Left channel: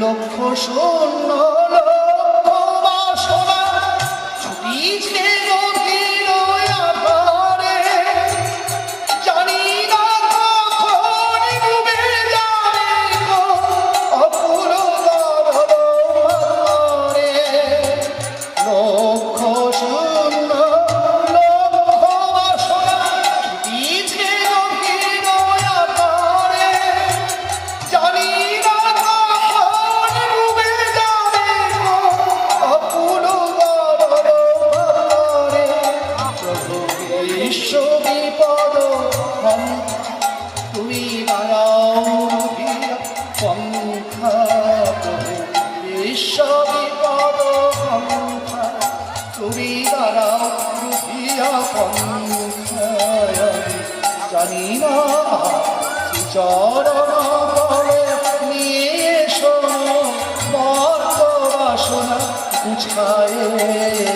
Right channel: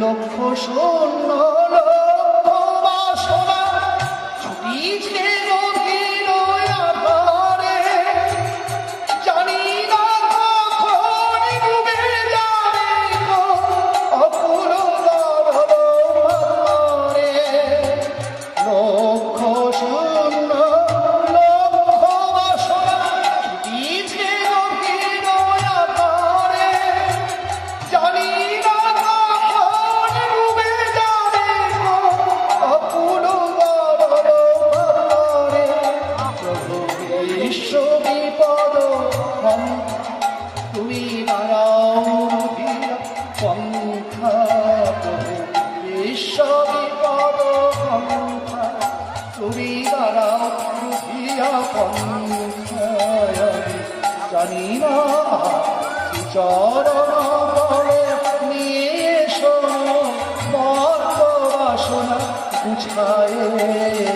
লক্ষ শূন্য লক্ষ বাসনা ছুটিছে গভীর আধারে, জানি না কখন ডুবে যাবে গো অকুল গর্ভ পাথরে। লক্ষ শূন্য লক্ষ বাসনা ছুটিছে গভীর আধারে, জানি না কখন ডুবে যাবে গো অকুল গর্ভ পাথরে। প্রভু বিশ্ব বিপদ তুমি দাঁড়াও ধীরা পন্থা, প্রভু বিশ্ব বিপদ তুমি দাঁড়াও ধীরা পন্থা। জানি না চরণ করে নিয়ে এসো মর্ত বাসনা গুছায়ে।